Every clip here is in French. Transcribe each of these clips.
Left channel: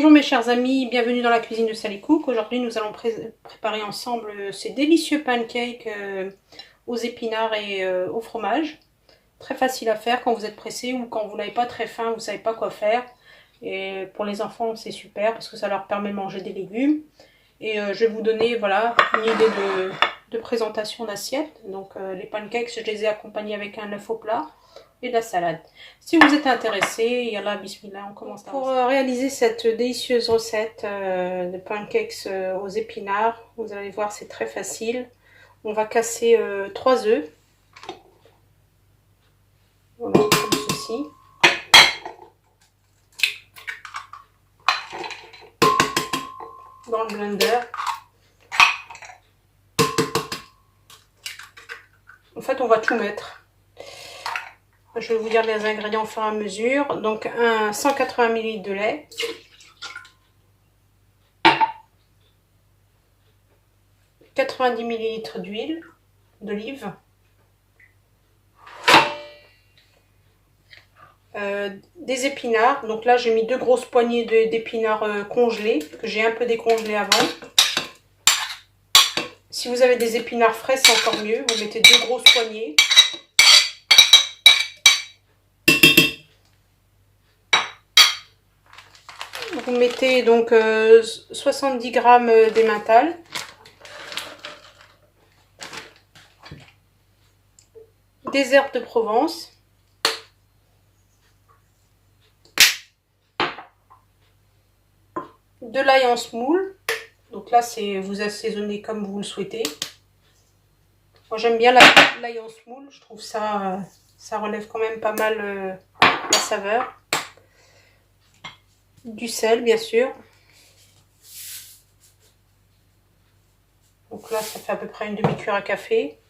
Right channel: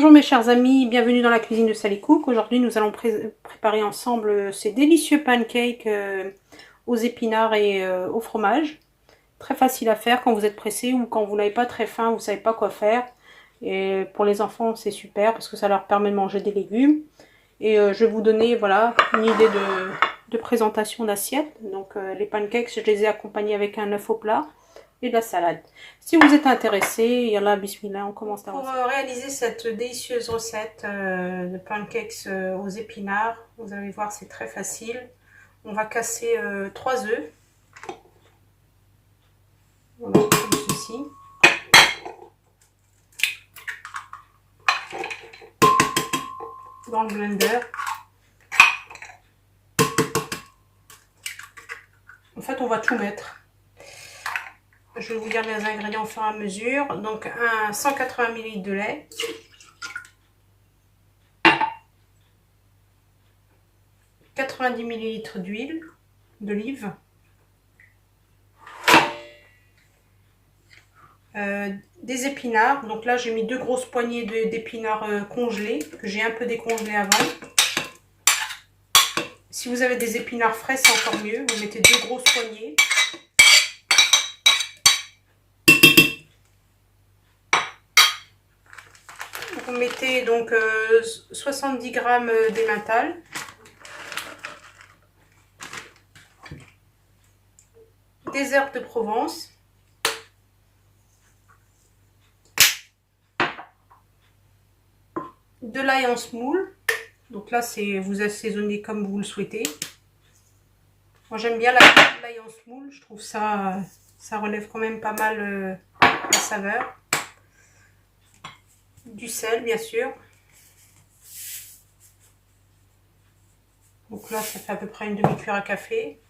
Bonjour mes chers amis, bienvenue dans la cuisine de Sally Cook. Aujourd'hui nous allons préparer ensemble ces délicieux pancakes aux épinards et au fromage. Très facile à faire quand vous êtes pressé ou quand vous n'avez pas très faim, vous ne savez pas quoi faire. Et pour les enfants c'est super parce que ça leur permet de manger des légumes. Et je vais vous donner voilà, une idée de présentation d'assiette. Donc les pancakes, je les ai accompagnés avec un œuf au plat et de la salade. Si vous êtes intéressé, yallah, bismillah, on commence. Pour réaliser cette délicieuse recette de pancakes aux épinards, vous allez voir, c'est très facile. On va casser 3 œufs. Voilà, comme ceci. Dans le blender. En fait, on va tout mettre. Je vais vous dire les ingrédients au fur et à mesure. Donc, 180 ml de lait. « 90 ml d'huile d'olive. Des épinards. Donc là, j'ai mis 2 grosses poignées d'épinards congelés, que j'ai un peu décongelés avant. Si vous avez des épinards frais, c'est encore mieux. Vous mettez 2 grosses poignées. Vous mettez donc 70 g d'emmental. Des herbes de Provence. De l'ail en semoule. Donc là, c'est vous assaisonnez comme vous le souhaitez. Moi, j'aime bien l'ail en semoule. Je trouve ça relève quand même pas mal la saveur. Du sel, bien sûr. Donc là, ça fait à peu près une demi-cuillère à café.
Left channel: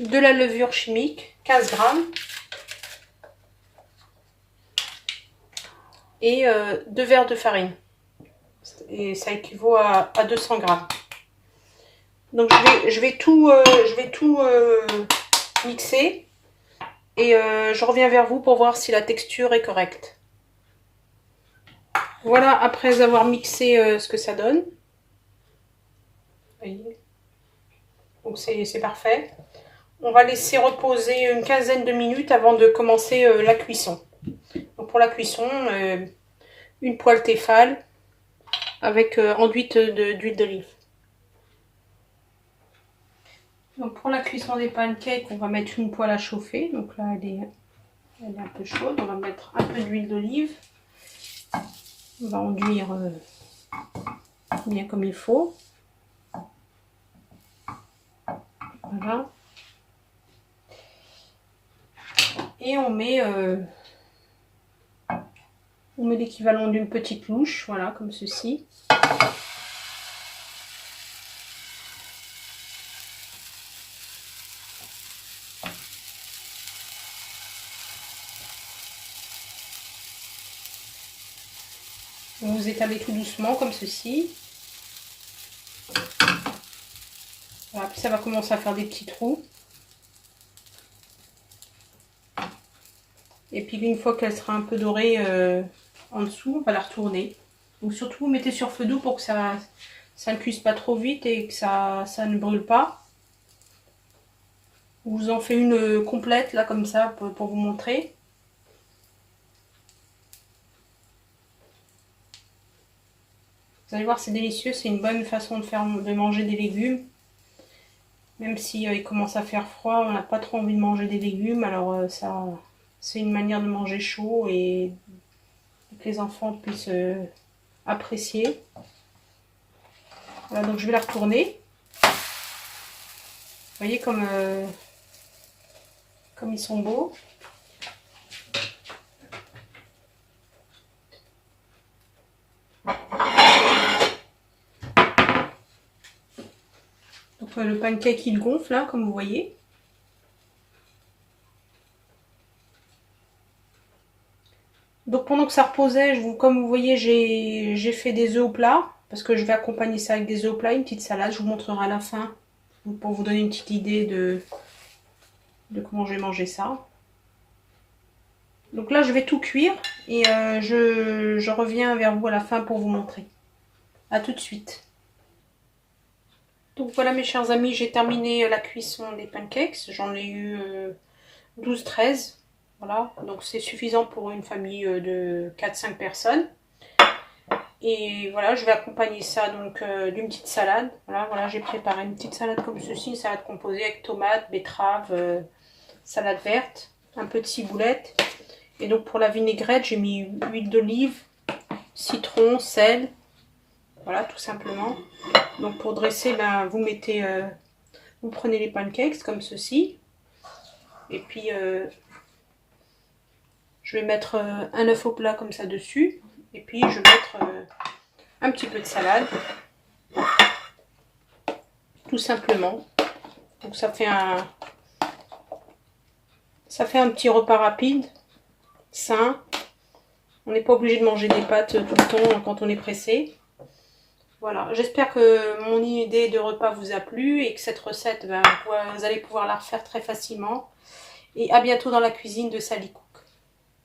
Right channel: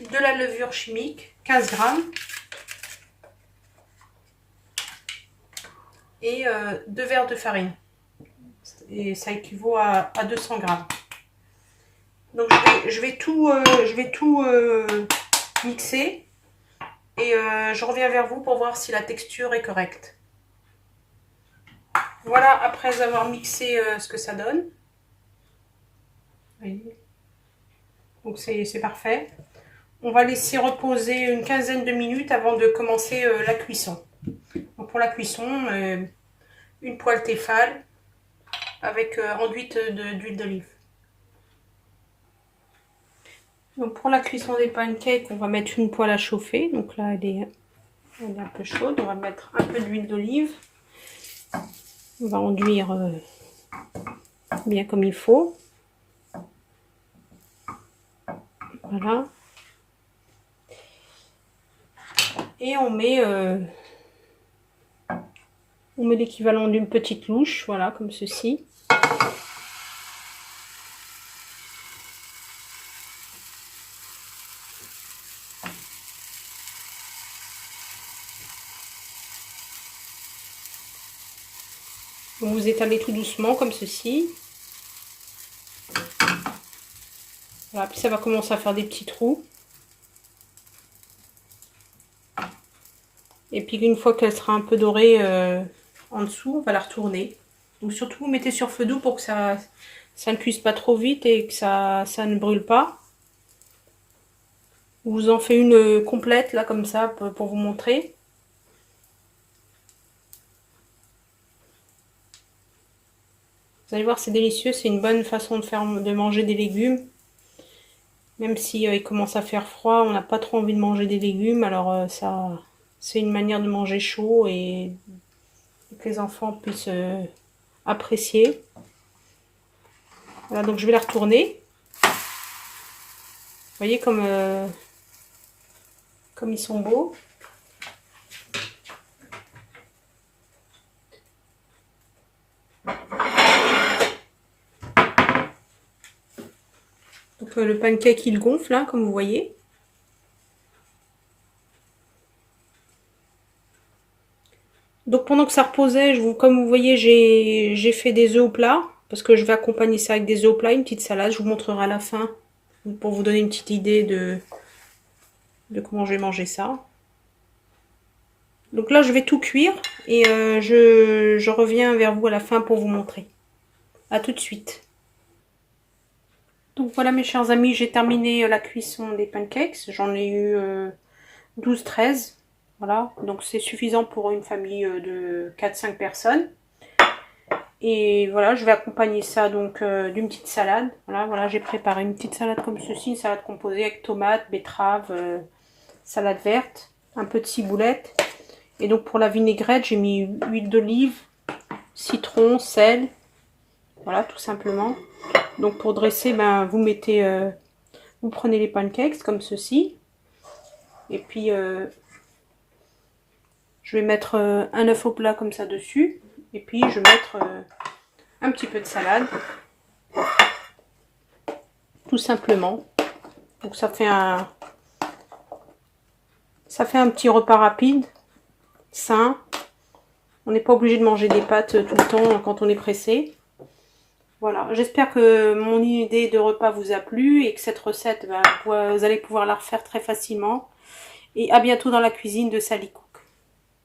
De la levure chimique, 15 g. Et 2 verres de farine. Et ça équivaut à 200 g. Donc je vais tout mixer. Et je reviens vers vous pour voir si la texture est correcte. Voilà, après avoir mixé ce que ça donne. Vous voyez. Donc c'est parfait. On va laisser reposer une quinzaine de minutes avant de commencer la cuisson. Donc pour la cuisson, une poêle Tefal avec enduite d'huile d'olive. Donc pour la cuisson des pancakes, on va mettre une poêle à chauffer. Donc là, elle est un peu chaude. On va mettre un peu d'huile d'olive. On va enduire bien comme il faut. Voilà. Et on met l'équivalent d'une petite louche, voilà, comme ceci. Vous étalez tout doucement, comme ceci. Voilà, puis ça va commencer à faire des petits trous. Et puis une fois qu'elle sera un peu dorée en dessous, on va la retourner. Donc surtout, vous mettez sur feu doux pour que ça ne cuise pas trop vite et que ça ne brûle pas. Je vous en fais une complète, là, comme ça, pour vous montrer. Vous allez voir, c'est délicieux, c'est une bonne façon de manger des légumes. Même si il commence à faire froid, on n'a pas trop envie de manger des légumes, alors c'est une manière de manger chaud et que les enfants puissent apprécier. Voilà, donc je vais la retourner. Vous voyez comme ils sont beaux. Donc le pancake il gonfle là, comme vous voyez. Donc pendant que ça reposait, comme vous voyez, j'ai fait des œufs au plat. Parce que je vais accompagner ça avec des œufs au plat, une petite salade. Je vous montrerai à la fin. Pour vous donner une petite idée de comment je vais manger ça. Donc là, je vais tout cuire et je reviens vers vous à la fin pour vous montrer. À tout de suite. Donc voilà mes chers amis, j'ai terminé la cuisson des pancakes. J'en ai eu 12-13. Voilà, donc c'est suffisant pour une famille de 4-5 personnes. Et voilà, je vais accompagner ça donc d'une petite salade. Voilà, j'ai préparé une petite salade comme ceci, une salade composée avec tomates, betteraves, salade verte, un peu de ciboulette. Et donc pour la vinaigrette, j'ai mis huile d'olive, citron, sel. Voilà, tout simplement. Donc pour dresser, ben, vous prenez les pancakes comme ceci. Et puis je vais mettre un œuf au plat comme ça dessus. Et puis je vais mettre un petit peu de salade. Tout simplement. Donc ça fait un petit repas rapide, sain. On n'est pas obligé de manger des pâtes tout le temps quand on est pressé. Voilà, j'espère que mon idée de repas vous a plu et que cette recette, ben, vous allez pouvoir la refaire très facilement. Et à bientôt dans la cuisine de Sally Cook.